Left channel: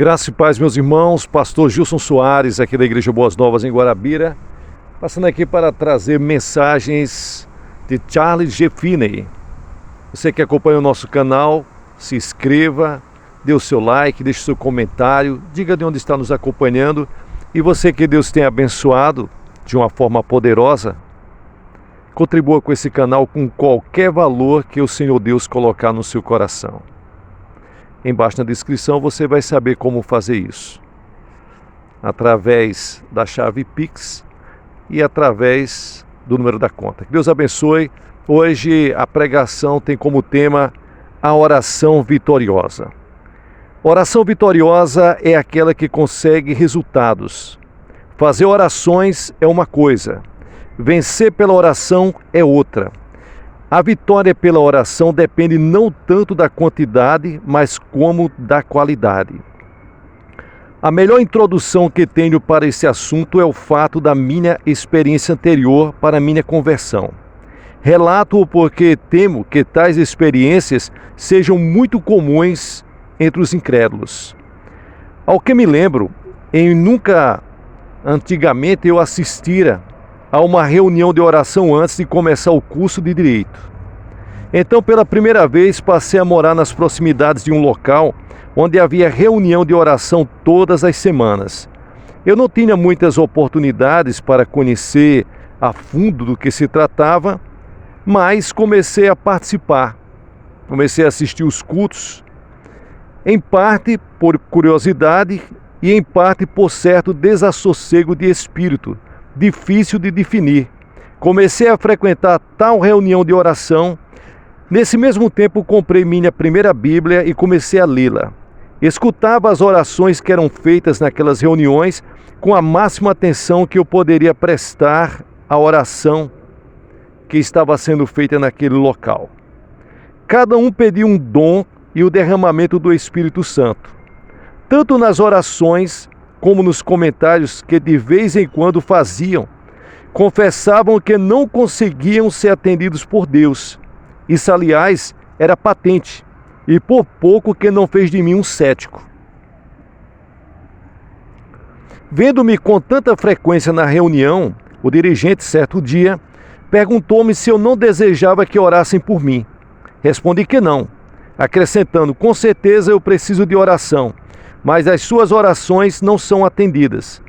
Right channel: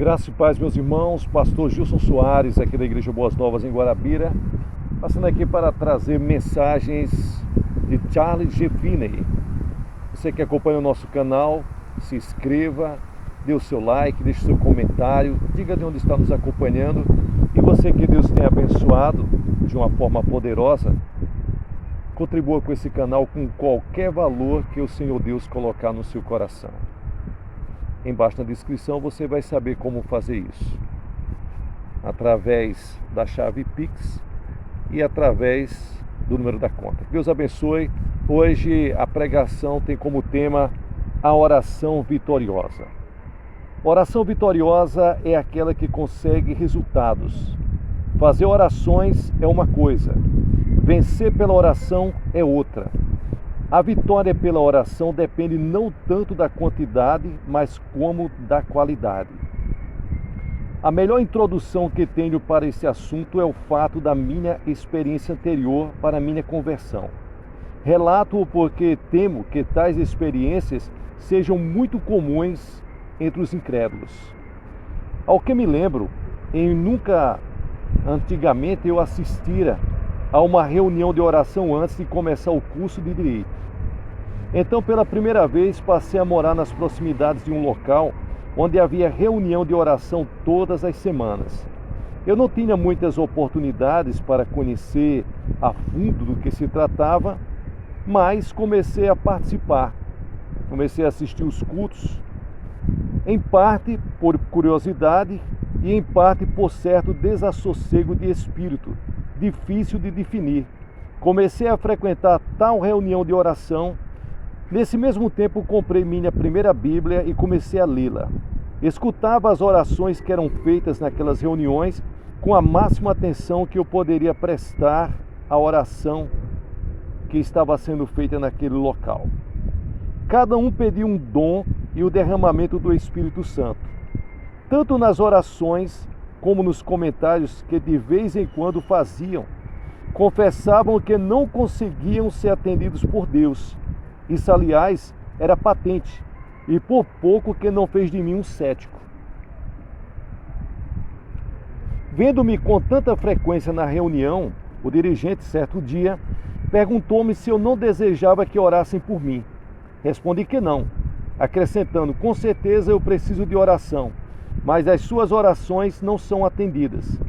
Graça e paz, meus irmãos. Pastor Gilson Soares, aqui da Igreja Boas Novas em Guarabira, passando aqui para trazer mensagens de Charles G. Finney. Você que acompanha o nosso canal, se inscreva, dê o seu like, deixe o seu comentário, diga de onde está nos acompanhando. E você que Deus tenha abençoado de uma forma poderosa, contribua com esse canal com qualquer valor que o Senhor Deus colocar no seu coração. Embaixo na descrição você vai saber como fazer isso. Através da chave Pix e através do número da conta. Que Deus abençoe. Hoje a pregação tem como tema a oração vitoriosa. Oração vitoriosa é aquela que consegue resultados. Fazer orações é uma coisa, vencer pela oração é outra. A vitória pela oração depende não tanto da quantidade, mas como da qualidade. A melhor introdução que tenho para esse assunto é o fato da minha experiência anterior para a minha conversão. Relato-o porque temo que tais experiências sejam muito comuns entre os incrédulos. Ao que me lembro, antigamente eu assistira a uma reunião de oração antes de começar o curso de Direito. Então, pela primeira vez, passei a morar nas proximidades de um local onde havia reunião de oração todas as semanas. Eu não tinha muitas oportunidades para conhecer a fundo do que se tratava, mas comecei a participar. Comecei a assistir os cultos, em parte por curiosidade e em parte por certo desassossego de espírito, difícil de definir. Comecei a frequentar tal reunião de oração. Nesse mesmo tempo comprei minha primeira Bíblia e comecei a lê-la. Escutava as orações que eram feitas naquelas reuniões com a máxima atenção que eu poderia prestar à oração que estava sendo feita naquele local. Cada um pedia um dom e o derramamento do Espírito Santo, tanto nas orações como nos comentários que de vez em quando faziam. Confessavam que não conseguiam ser atendidos por Deus. Isso, aliás, era patente, e por pouco que não fez de mim um cético. Vendo-me com tanta frequência na reunião, o dirigente, certo dia, perguntou-me se eu não desejava que orassem por mim. Respondi que não, acrescentando: com certeza eu preciso de oração, mas as suas orações não são atendidas.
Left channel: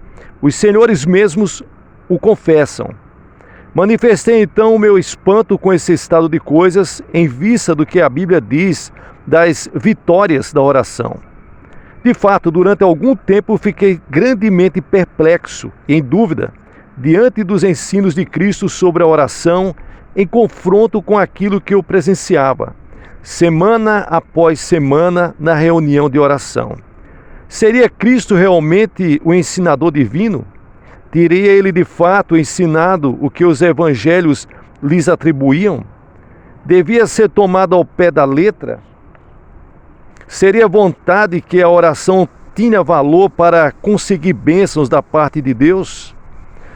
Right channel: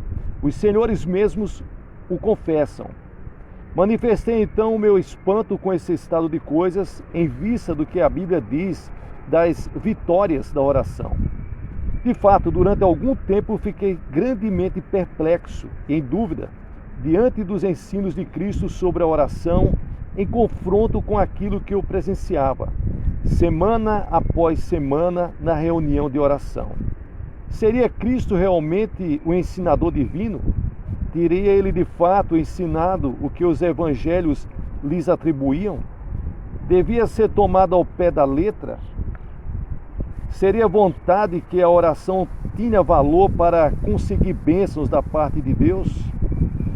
Os senhores mesmos o confessam. Manifestei então o meu espanto com esse estado de coisas em vista do que a Bíblia diz das vitórias da oração. De fato, durante algum tempo fiquei grandemente perplexo e em dúvida diante dos ensinos de Cristo sobre a oração em confronto com aquilo que eu presenciava, semana após semana, na reunião de oração. Seria Cristo realmente o ensinador divino? Teria ele de fato ensinado o que os evangelhos lhes atribuíam? Devia ser tomado ao pé da letra? Seria vontade que a oração tinha valor para conseguir bênçãos da parte de Deus?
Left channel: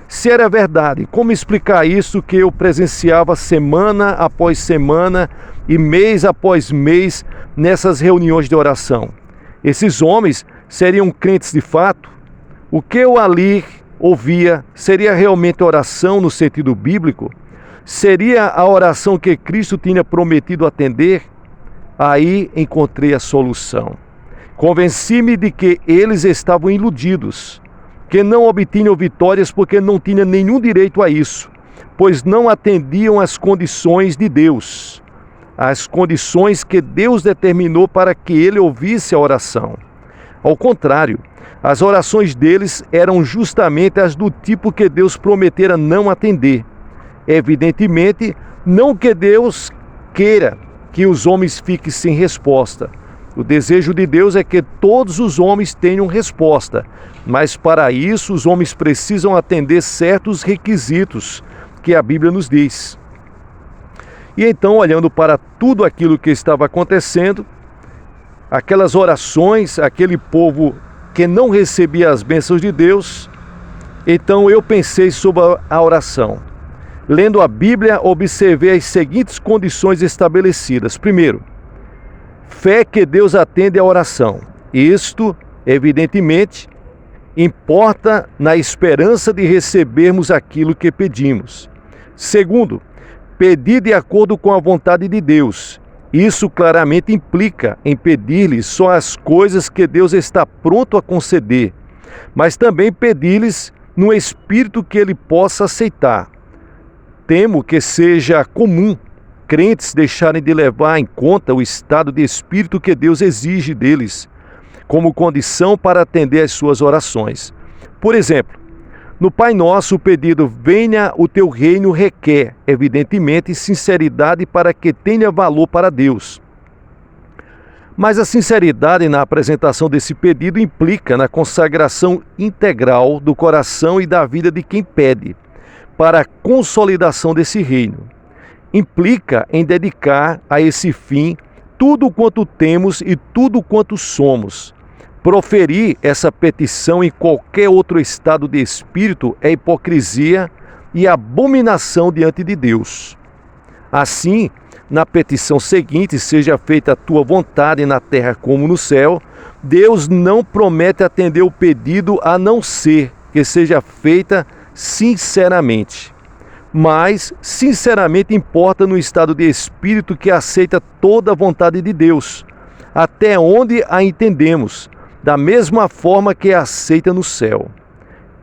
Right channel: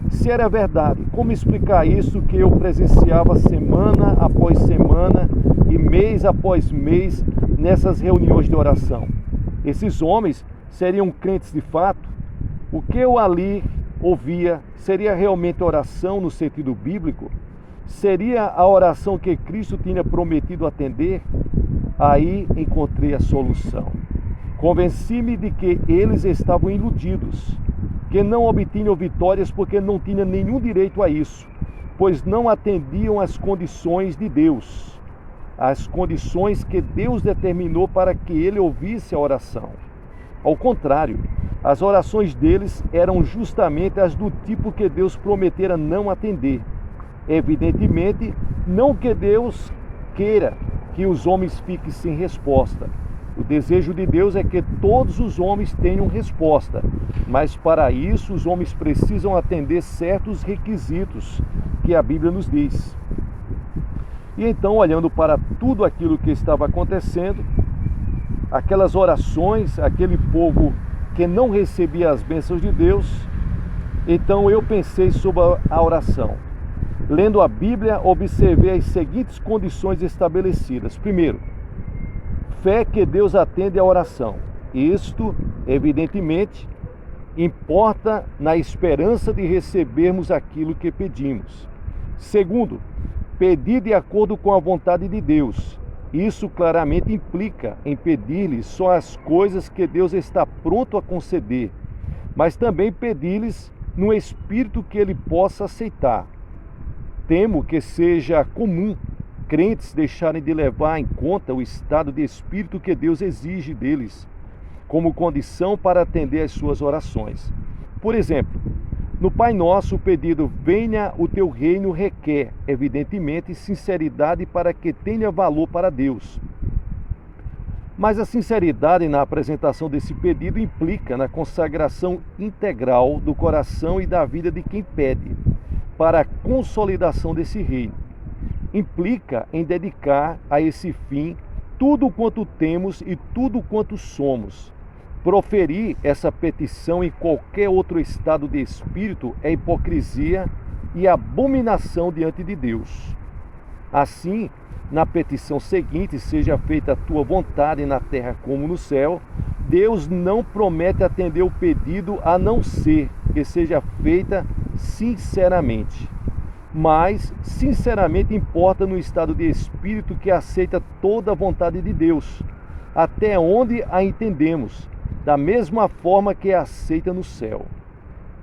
Se era verdade, como explicar isso que eu presenciava semana após semana e mês após mês nessas reuniões de oração? Esses homens seriam crentes de fato? O que eu ali ouvia seria realmente oração no sentido bíblico? Seria a oração que Cristo tinha prometido atender? Aí encontrei a solução. Convenci-me de que eles estavam iludidos, que não obtinham vitórias porque não tinham nenhum direito a isso, pois não atendiam às condições de Deus, as condições que Deus determinou para que ele ouvisse a oração. Ao contrário, as orações deles eram justamente as do tipo que Deus prometera não atender. Evidentemente, não que Deus queira que os homens fiquem sem resposta. O desejo de Deus é que todos os homens tenham resposta, mas para isso os homens precisam atender certos requisitos que a Bíblia nos diz. E então, olhando para tudo aquilo que estava acontecendo, aquelas orações, aquele povo que não recebia as bênçãos de Deus, então eu pensei sobre a oração. Lendo a Bíblia, observei as seguintes condições estabelecidas. Primeiro, fé que Deus atende à oração. Isto, evidentemente, importa na esperança de recebermos aquilo que pedimos. Segundo, pedir de acordo com a vontade de Deus. Isso claramente implica em pedir-lhe só as coisas que Deus está pronto a conceder, mas também pedir-lhes no espírito que ele possa aceitar. Temo que seja comum crentes deixarem de levar em conta o estado de espírito que Deus exige deles, como condição para atender às suas orações. Por exemplo, no Pai Nosso, o pedido venha o teu reino requer, evidentemente, sinceridade para que tenha valor para Deus. Mas a sinceridade na apresentação desse pedido implica na consagração integral do coração e da vida de quem pede, para a consolidação desse reino. Implica em dedicar a esse fim tudo quanto temos e tudo quanto somos. Proferir essa petição em qualquer outro estado de espírito é hipocrisia e abominação diante de Deus. Assim, na petição seguinte, seja feita a tua vontade na terra como no céu, Deus não promete atender o pedido a não ser que seja feita sinceramente. Mas, sinceramente, importa no estado de espírito que aceita toda a vontade de Deus, até onde a entendemos, da mesma forma que a aceita no céu.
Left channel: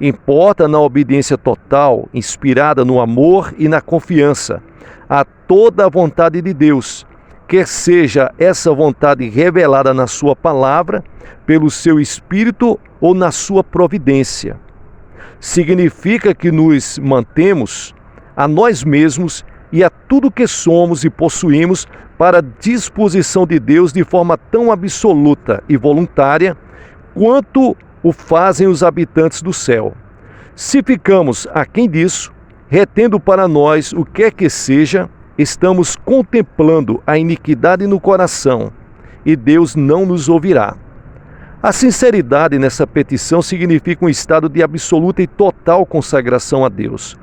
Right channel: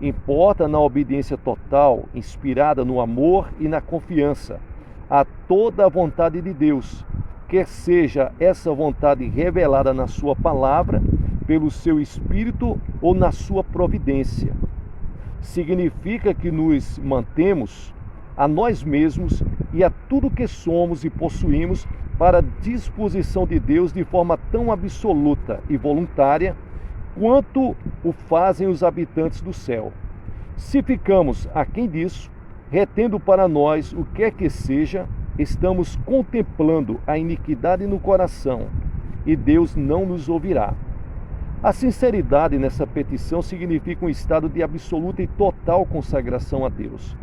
Importa na obediência total, inspirada no amor e na confiança, a toda a vontade de Deus, quer seja essa vontade revelada na sua palavra, pelo seu Espírito ou na sua providência. Significa que nos mantemos a nós mesmos e a tudo que somos e possuímos para a disposição de Deus de forma tão absoluta e voluntária quanto o fazem os habitantes do céu. Se ficamos aquém disso, retendo para nós o que é que seja, estamos contemplando a iniquidade no coração e Deus não nos ouvirá. A sinceridade nessa petição significa um estado de absoluta e total consagração a Deus.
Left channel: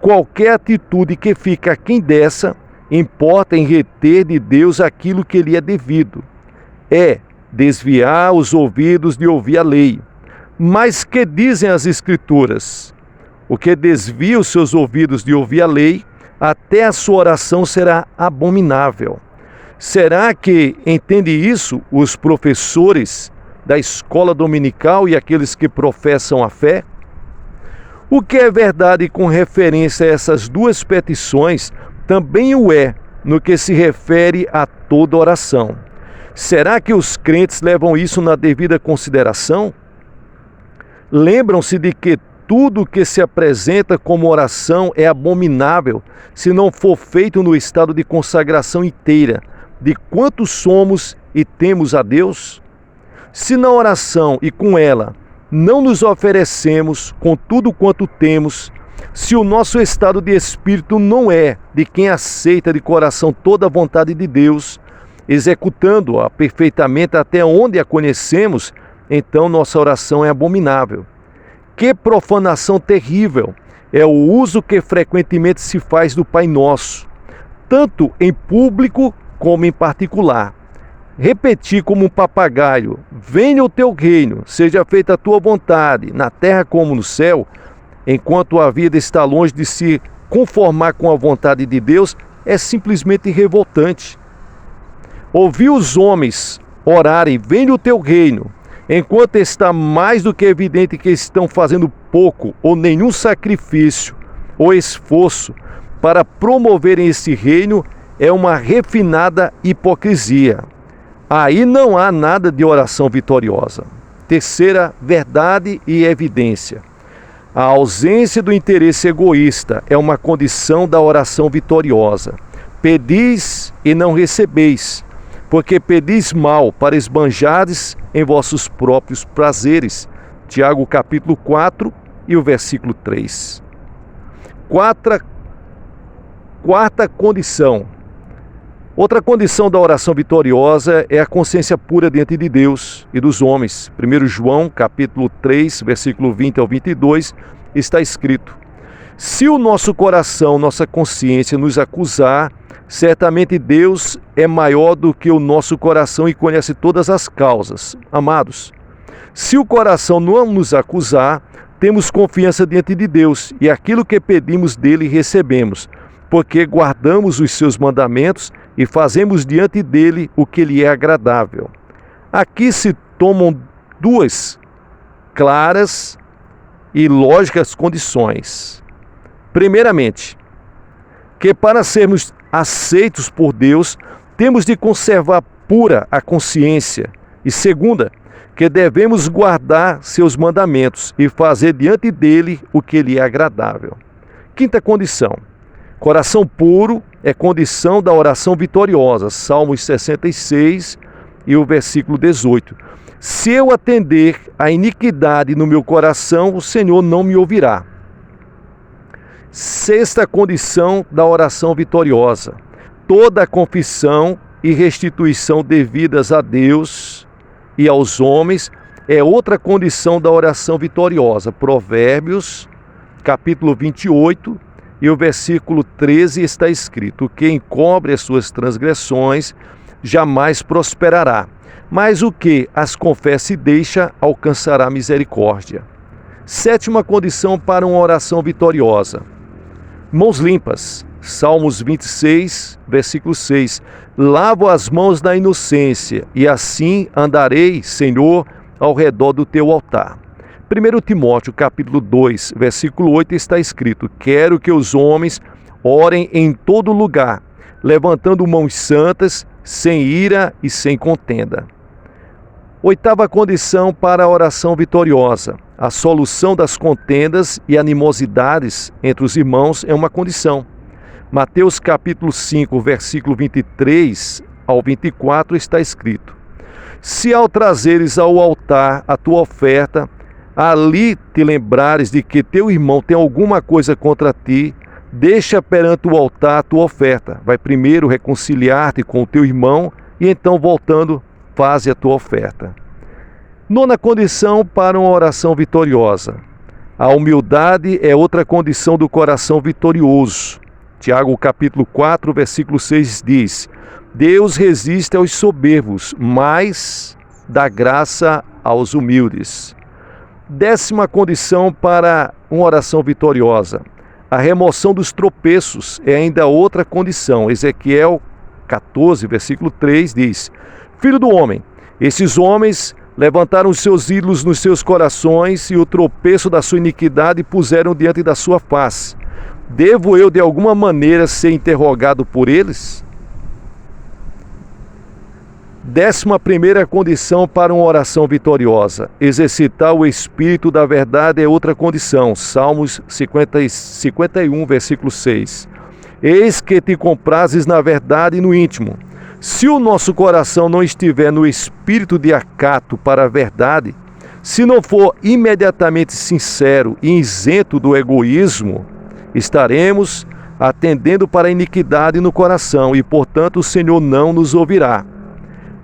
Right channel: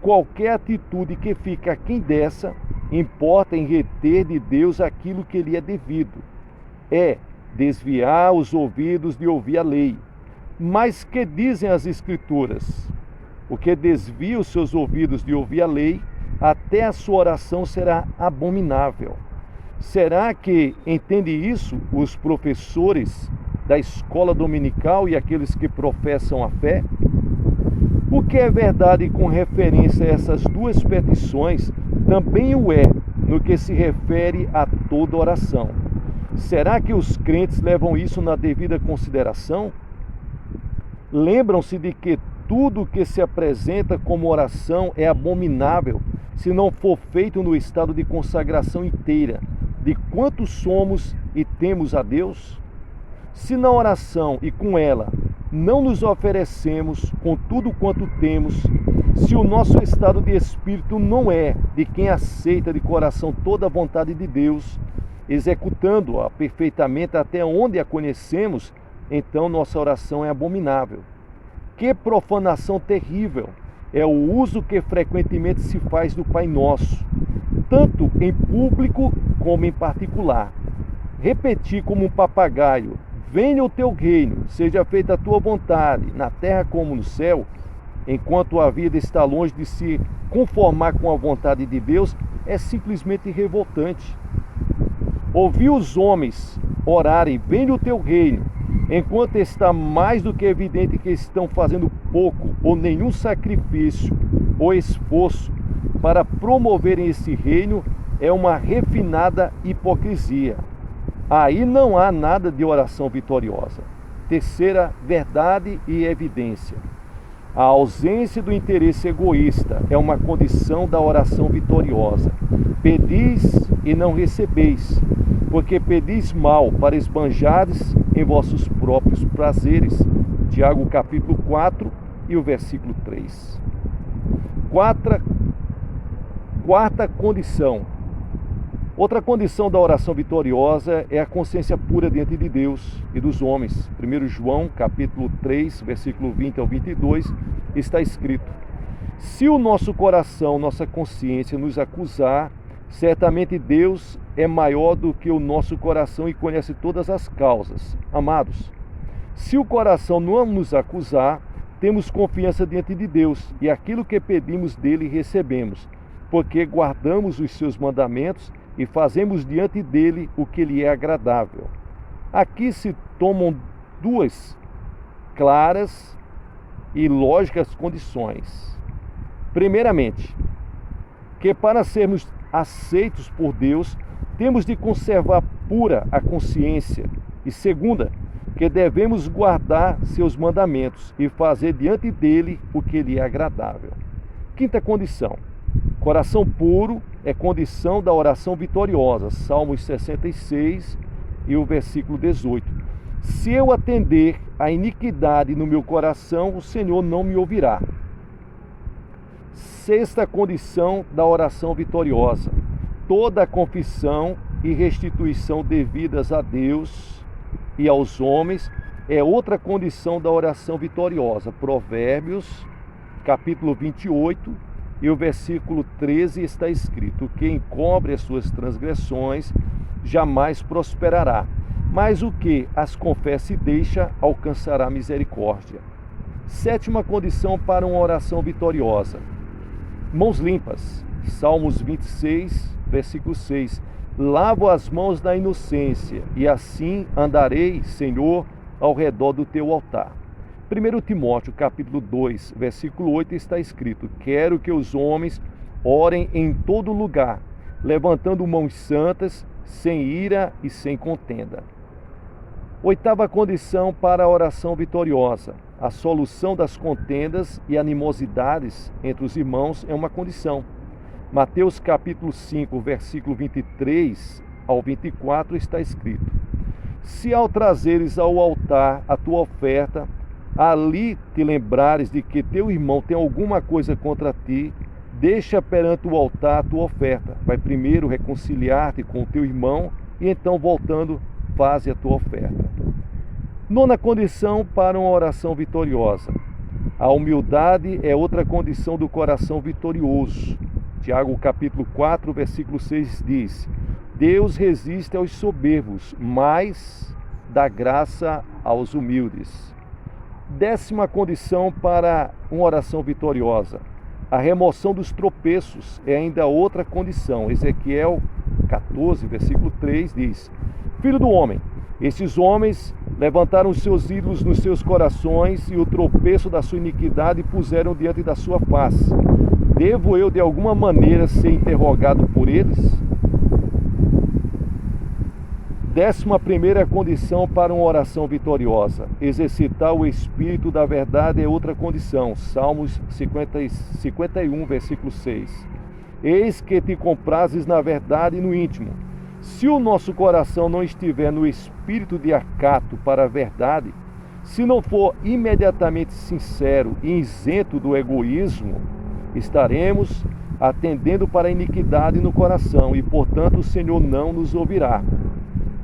Qualquer atitude que fica aquém dessa, importa em reter de Deus aquilo que lhe é devido. É desviar os ouvidos de ouvir a lei. Mas que dizem as Escrituras? O que desvia os seus ouvidos de ouvir a lei, até a sua oração será abominável. Será que entende isso os professores da escola dominical e aqueles que professam a fé? O que é verdade com referência a essas duas petições, também o é no que se refere a toda oração. Será que os crentes levam isso na devida consideração? Lembram-se de que tudo que se apresenta como oração é abominável se não for feito no estado de consagração inteira de quanto somos e temos a Deus? Se na oração e com ela não nos oferecemos com tudo quanto temos, se o nosso estado de espírito não é de quem aceita de coração toda a vontade de Deus, executando-a perfeitamente até onde a conhecemos, então nossa oração é abominável. Que profanação terrível é o uso que frequentemente se faz do Pai Nosso, tanto em público como em particular. Repetir como um papagaio, venha o teu reino, seja feita a tua vontade, na terra como no céu, enquanto a vida está longe de se conformar com a vontade de Deus, é simplesmente revoltante. Ouvir os homens orarem, venha o teu reino, enquanto está mais do que evidente que estão fazendo pouco ou nenhum sacrifício ou esforço para promoverem esse reino, é uma refinada hipocrisia. Aí não há nada de oração vitoriosa. Terceira verdade e evidência. A ausência do interesse egoísta é uma condição da oração vitoriosa. Pedis e não recebeis, porque pedis mal para esbanjardes em vossos próprios prazeres. Tiago capítulo 4 e o versículo 3. Quarta condição. Outra condição da oração vitoriosa é a consciência pura diante de Deus e dos homens. 1 João, capítulo 3, versículo 20 ao 22, está escrito: se o nosso coração, nossa consciência nos acusar, Certamente Deus é maior do que o nosso coração e conhece todas as causas. Amados, se o coração não nos acusar, temos confiança diante de Deus e aquilo que pedimos dele recebemos, porque guardamos os seus mandamentos e fazemos diante dele o que lhe é agradável. Aqui se tomam duas claras e lógicas condições. Primeiramente, que para sermos aceitos por Deus, temos de conservar pura a consciência. E segunda, que devemos guardar seus mandamentos e fazer diante dele o que lhe é agradável. Quinta condição, coração puro é condição da oração vitoriosa, Salmos 66 e o versículo 18. Se eu atender a iniquidade no meu coração, o Senhor não me ouvirá. Sexta condição da oração vitoriosa, toda a confissão e restituição devidas a Deus e aos homens é outra condição da oração vitoriosa. Provérbios, capítulo 28 e o versículo 13 está escrito: quem encobre as suas transgressões jamais prosperará, mas o que as confessa e deixa alcançará misericórdia. Sétima condição para uma oração vitoriosa, mãos limpas, Salmos 26, versículo 6. Lavo as mãos da inocência, e assim andarei, Senhor, ao redor do teu altar. 1 Timóteo, capítulo 2, versículo 8, está escrito: quero que os homens orem em todo lugar, levantando mãos santas, sem ira e sem contenda. Oitava condição para a oração vitoriosa, a solução das contendas e animosidades entre os irmãos é uma condição. Mateus capítulo 5, versículo 23 ao 24 está escrito: se ao trazeres ao altar a tua oferta, ali te lembrares de que teu irmão tem alguma coisa contra ti, deixa perante o altar a tua oferta. Vai primeiro reconciliar-te com o teu irmão e então, voltando, faze a tua oferta. Nona condição para uma oração vitoriosa, a humildade é outra condição do coração vitorioso. Tiago capítulo 4, versículo 6 diz: Deus resiste aos soberbos, mas dá graça aos humildes. Décima condição para uma oração vitoriosa, a remoção dos tropeços é ainda outra condição. Ezequiel 14, versículo 3 diz: Filho do homem, esses homens levantaram os seus ídolos nos seus corações e o tropeço da sua iniquidade puseram diante da sua face. Devo eu de alguma maneira ser interrogado por eles? 11ª condição para uma oração vitoriosa, exercitar o espírito da verdade é outra condição. Salmos 51, versículo 6. Eis que te comprases na verdade e no íntimo. Se o nosso coração não estiver no espírito de acato para a verdade, se não for imediatamente sincero e isento do egoísmo, estaremos atendendo para a iniquidade no coração e, portanto, o Senhor não nos ouvirá.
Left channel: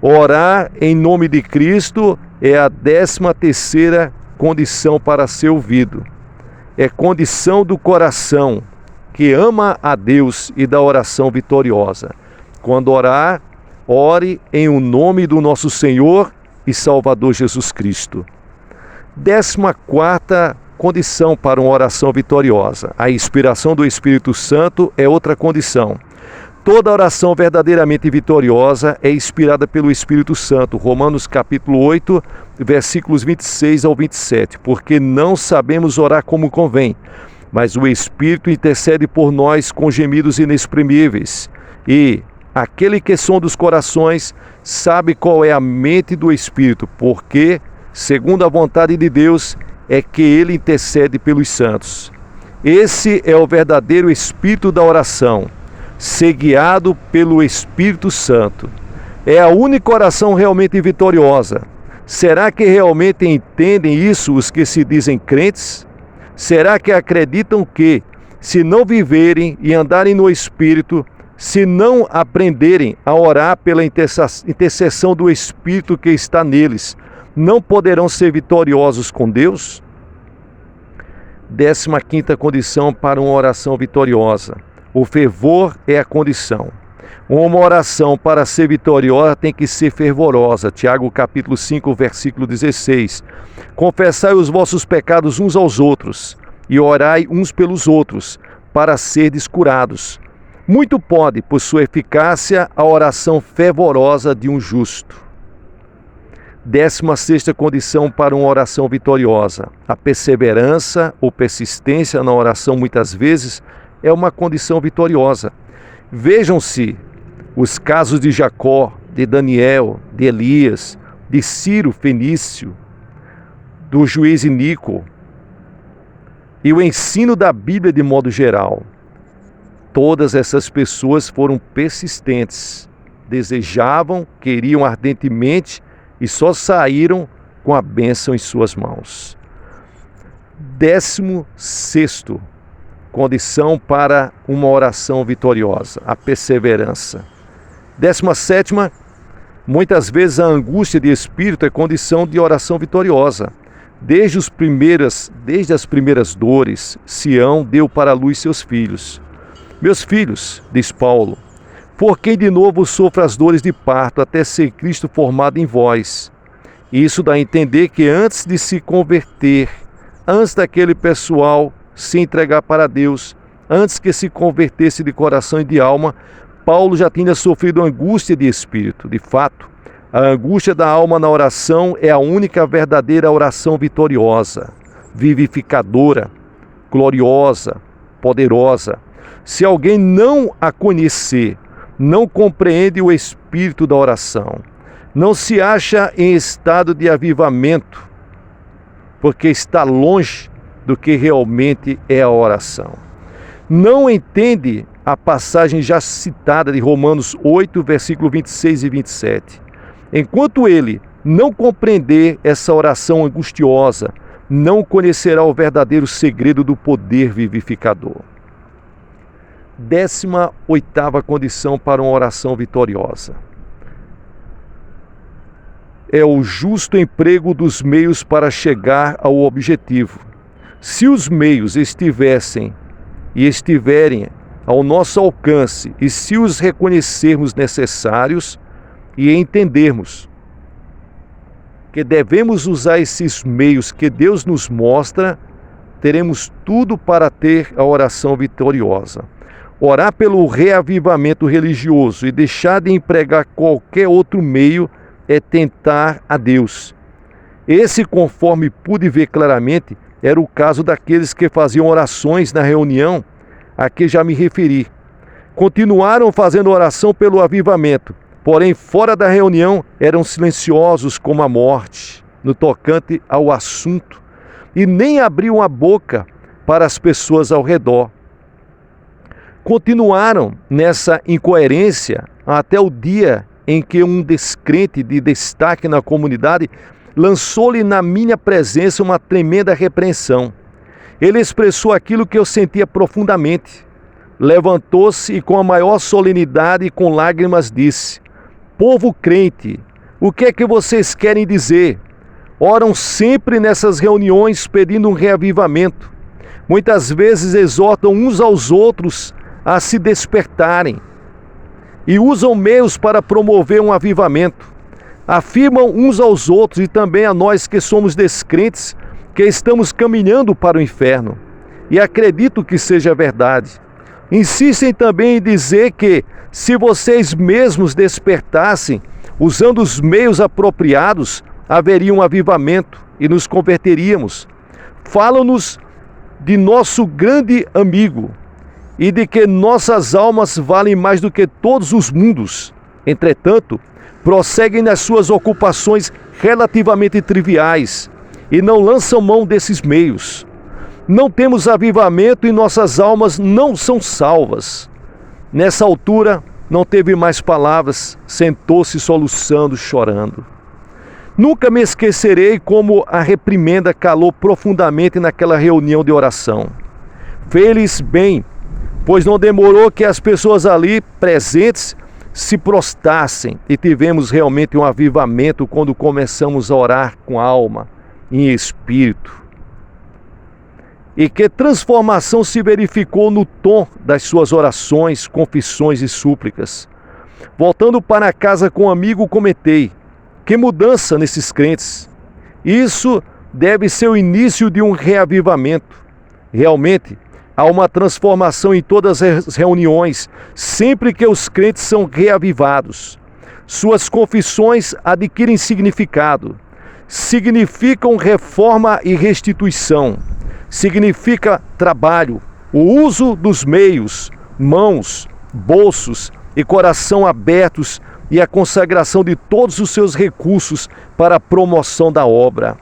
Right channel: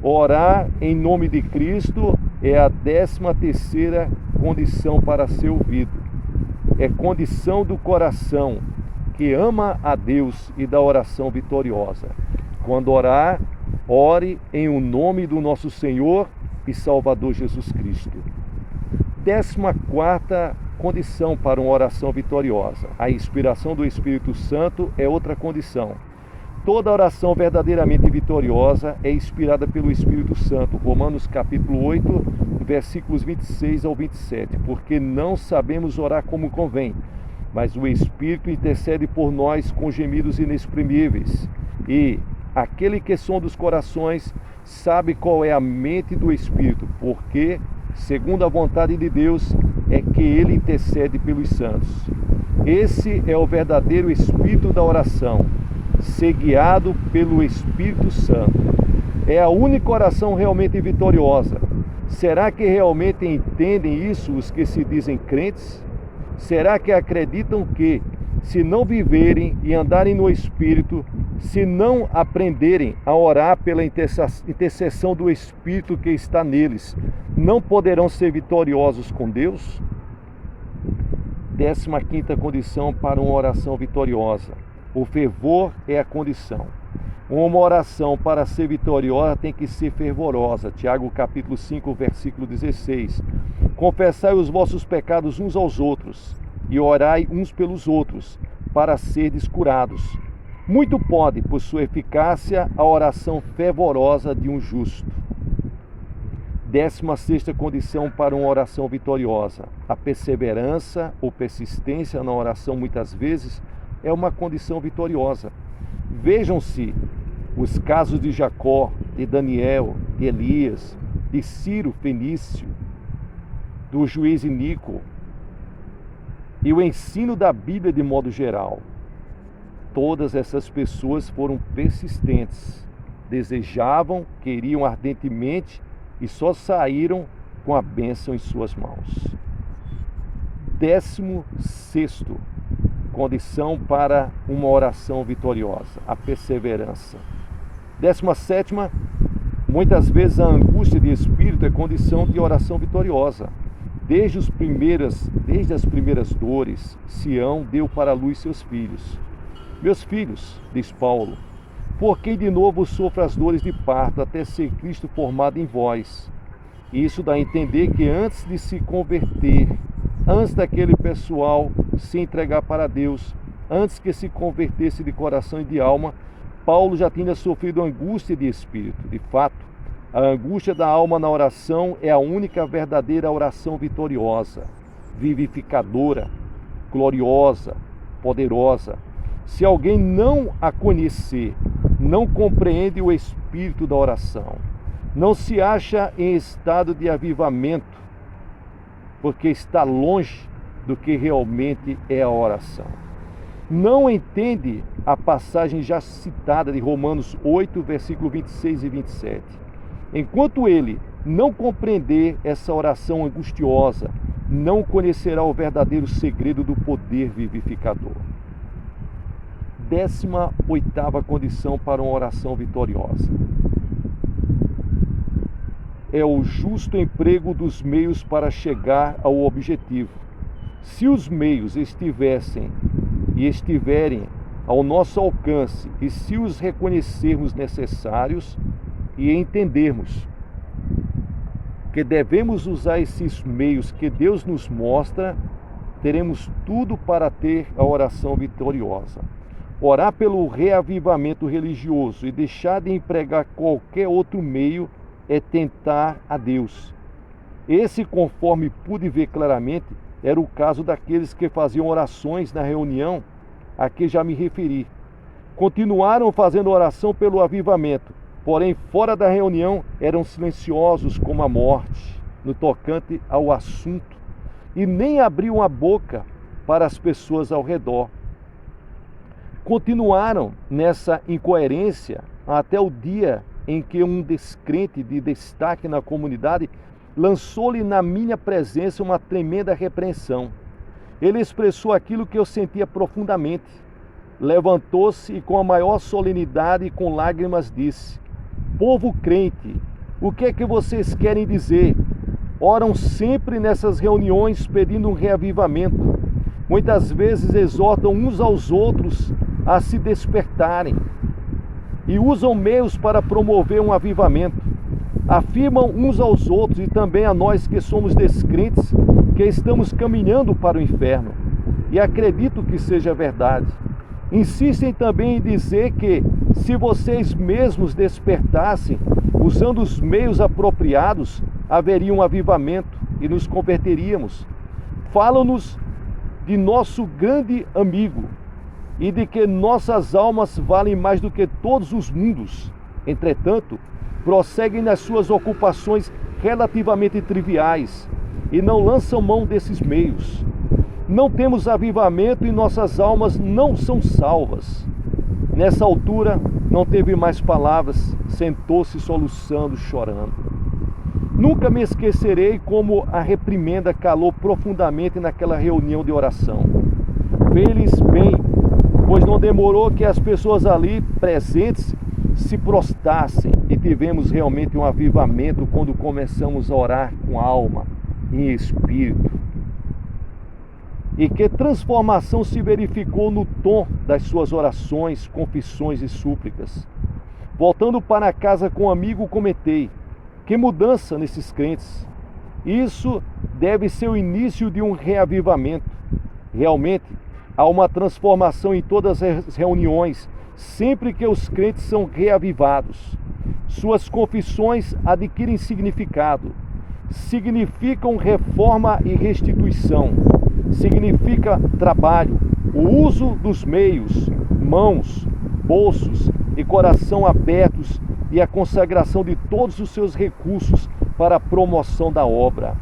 Orar em nome de Cristo é a 13ª condição para ser ouvido. É condição do coração que ama a Deus e da oração vitoriosa. Quando orar, ore em o nome do nosso Senhor e Salvador Jesus Cristo. 14ª condição para uma oração vitoriosa. A inspiração do Espírito Santo é outra condição. Toda oração verdadeiramente vitoriosa é inspirada pelo Espírito Santo. Romanos capítulo 8, versículos 26 ao 27. Porque não sabemos orar como convém, mas o Espírito intercede por nós com gemidos inexprimíveis. E aquele que sonda os corações sabe qual é a mente do Espírito, porque, segundo a vontade de Deus, é que ele intercede pelos santos. Esse é o verdadeiro espírito da oração, ser guiado pelo Espírito Santo. É a única oração realmente vitoriosa. Será que realmente entendem isso os que se dizem crentes? Será que acreditam que, se não viverem e andarem no Espírito, se não aprenderem a orar pela intercessão do Espírito que está neles, não poderão ser vitoriosos com Deus? 15ª condição para uma oração vitoriosa. O fervor é a condição. Uma oração para ser vitoriosa tem que ser fervorosa. Tiago capítulo 5, versículo 16. Confessai os vossos pecados uns aos outros e orai uns pelos outros, para serdes curados. Muito pode, por sua eficácia, a oração fervorosa de um justo. 16ª condição para uma oração vitoriosa. A perseverança ou persistência na oração, muitas vezes, é uma condição vitoriosa. Vejam-se os casos de Jacó, de Daniel, de Elias, de Ciro Fenício, do juiz Níquel, e o ensino da Bíblia de modo geral. Todas essas pessoas foram persistentes, desejavam, queriam ardentemente e só saíram com a bênção em suas mãos. 16º condição para uma oração vitoriosa, a perseverança. 17ª, muitas vezes a angústia de espírito é condição de oração vitoriosa. Desde as primeiras dores, Sião deu para a luz seus filhos. Meus filhos, diz Paulo, por quem de novo sofra as dores de parto, até ser Cristo formado em vós. Isso dá a entender que antes de se converter, antes daquele pessoal se entregar para Deus, antes que se convertesse de coração e de alma, Paulo já tinha sofrido angústia de espírito. De fato, a angústia da alma na oração é a única verdadeira oração vitoriosa, vivificadora, gloriosa, poderosa. Se alguém não a conhecer, não compreende o espírito da oração, não se acha em estado de avivamento, porque está longe do que realmente é a oração. Não entende a passagem já citada de Romanos 8, versículo 26 e 27. Enquanto ele não compreender essa oração angustiosa, não conhecerá o verdadeiro segredo do poder vivificador. 18ª condição para uma oração vitoriosa. É o justo emprego dos meios para chegar ao objetivo. Se os meios estiverem ao nosso alcance e se os reconhecermos necessários e entendermos que devemos usar esses meios que Deus nos mostra, teremos tudo para ter a oração vitoriosa. Orar pelo reavivamento religioso e deixar de empregar qualquer outro meio é tentar a Deus. Esse, conforme pude ver claramente, era o caso daqueles que faziam orações na reunião a que já me referi. Continuaram fazendo oração pelo avivamento, porém fora da reunião eram silenciosos como a morte, no tocante ao assunto, e nem abriam a boca para as pessoas ao redor. Continuaram nessa incoerência até o dia em que um descrente de destaque na comunidade lançou-lhe na minha presença uma tremenda repreensão. Ele expressou aquilo que eu sentia profundamente. Levantou-se e com a maior solenidade e com lágrimas disse: povo crente, o que é que vocês querem dizer? Oram sempre nessas reuniões pedindo um reavivamento. Muitas vezes exortam uns aos outros a se despertarem e usam meios para promover um avivamento. Afirmam uns aos outros e também a nós que somos descrentes que estamos caminhando para o inferno. E acredito que seja verdade. Insistem também em dizer que, se vocês mesmos despertassem, usando os meios apropriados, haveria um avivamento e nos converteríamos. Falam-nos de nosso grande amigo e de que nossas almas valem mais do que todos os mundos. Entretanto, prosseguem nas suas ocupações relativamente triviais e não lançam mão desses meios. Não temos avivamento e nossas almas não são salvas. Nessa altura, não teve mais palavras, sentou-se soluçando, chorando. Nunca me esquecerei como a reprimenda calou profundamente naquela reunião de oração. Fez-lhes bem, pois não demorou que as pessoas ali presentes se prostrassem e tivemos realmente um avivamento quando começamos a orar com alma, em espírito. E que transformação se verificou no tom das suas orações, confissões e súplicas. Voltando para casa com um amigo, comentei: que mudança nesses crentes! Isso deve ser o início de um reavivamento. Realmente, há uma transformação em todas as reuniões, sempre que os crentes são reavivados. Suas confissões adquirem significado. Significam reforma e restituição. Significa trabalho, o uso dos meios, mãos, bolsos e coração abertos e a consagração de todos os seus recursos para a promoção da obra.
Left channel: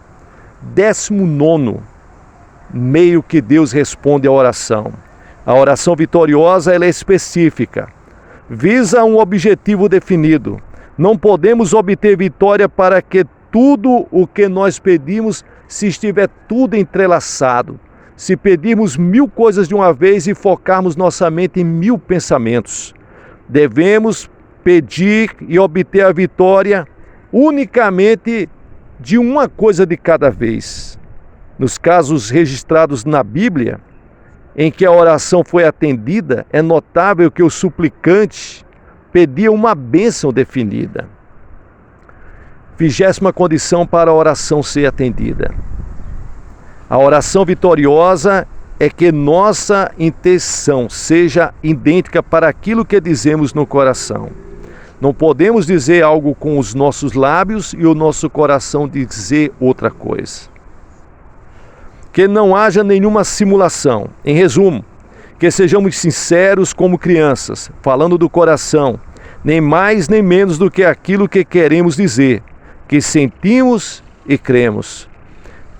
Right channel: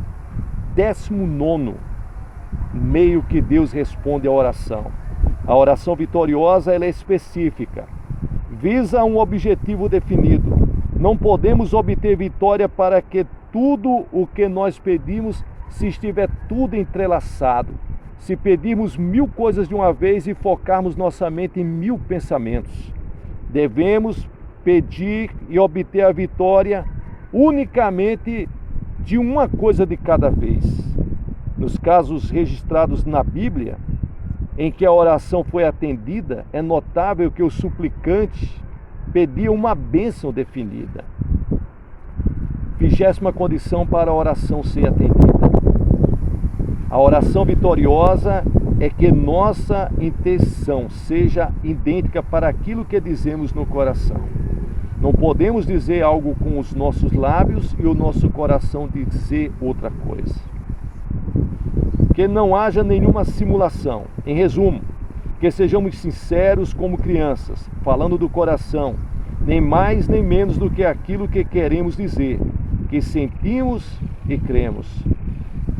19º meio que Deus responde à oração. A oração vitoriosa, ela é específica. Visa um objetivo definido. Não podemos obter vitória para que tudo o que nós pedimos se estiver tudo entrelaçado. Se pedirmos 1000 coisas de uma vez e focarmos nossa mente em 1000 pensamentos. Devemos pedir e obter a vitória unicamente de uma coisa de cada vez. Nos casos registrados na Bíblia, em que a oração foi atendida, é notável que o suplicante pedia uma bênção definida. 20ª condição para a oração ser atendida. A oração vitoriosa é que nossa intenção seja idêntica para aquilo que dizemos no coração. Não podemos dizer algo com os nossos lábios e o nosso coração dizer outra coisa. Que não haja nenhuma simulação. Em resumo, que sejamos sinceros como crianças, falando do coração, nem mais nem menos do que aquilo que queremos dizer, que sentimos e cremos.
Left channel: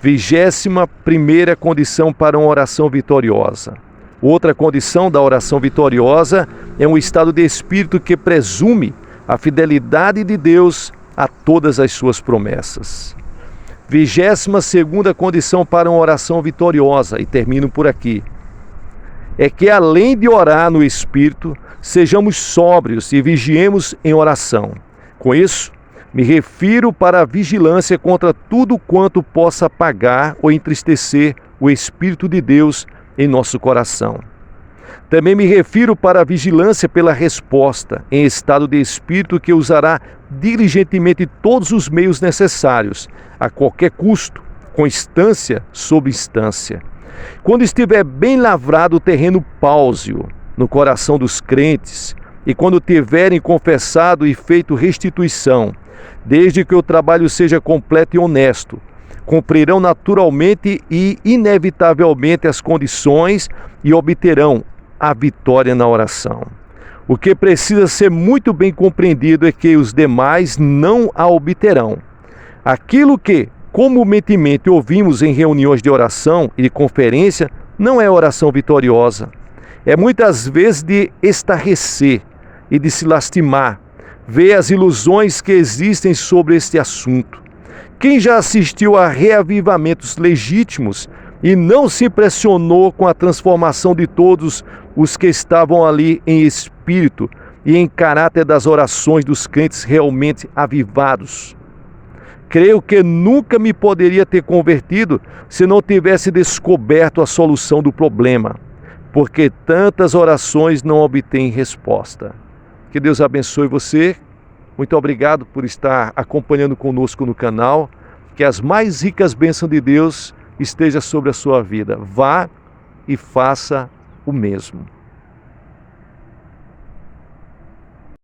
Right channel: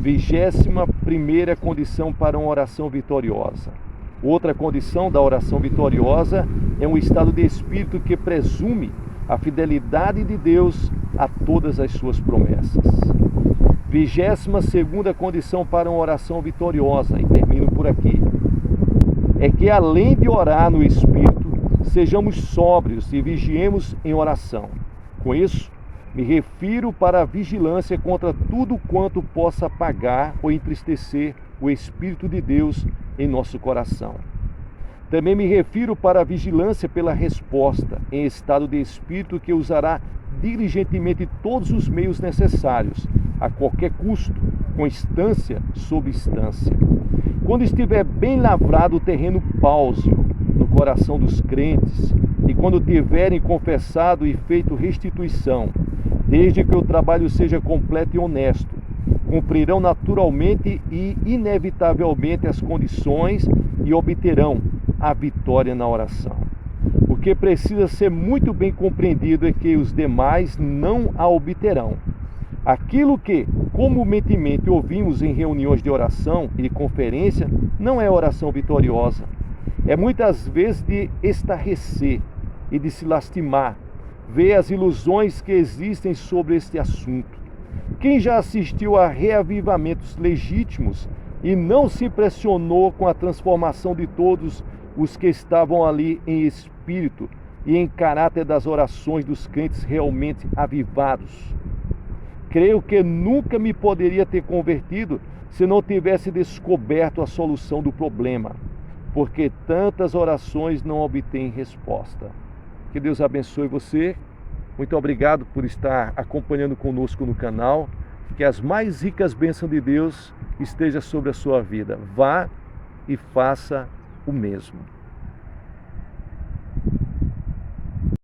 21ª condição para uma oração vitoriosa. Outra condição da oração vitoriosa é um estado de espírito que presume a fidelidade de Deus a todas as suas promessas. 22ª condição para uma oração vitoriosa, e termino por aqui, é que além de orar no Espírito, sejamos sóbrios e vigiemos em oração. Com isso, me refiro para a vigilância contra tudo quanto possa apagar ou entristecer o Espírito de Deus em nosso coração. Também me refiro para a vigilância pela resposta em estado de espírito que usará diligentemente todos os meios necessários, a qualquer custo, com instância sobre instância. Quando estiver bem lavrado o terreno pálseo no coração dos crentes e quando tiverem confessado e feito restituição, desde que o trabalho seja completo e honesto, cumprirão naturalmente e inevitavelmente as condições e obterão a vitória na oração. O que precisa ser muito bem compreendido é que os demais não a obterão. Aquilo que comumente ouvimos em reuniões de oração e de conferência não é oração vitoriosa. É muitas vezes de estarrecer e de se lastimar, ver as ilusões que existem sobre este assunto. Quem já assistiu a reavivamentos legítimos e não se impressionou com a transformação de todos os que estavam ali em espírito e em caráter das orações dos crentes realmente avivados? Creio que nunca me poderia ter convertido se não tivesse descoberto a solução do problema, porque tantas orações não obtêm resposta. Que Deus abençoe você. Muito obrigado por estar acompanhando conosco no canal. Que as mais ricas bênçãos de Deus estejam sobre a sua vida. Vá e faça o mesmo.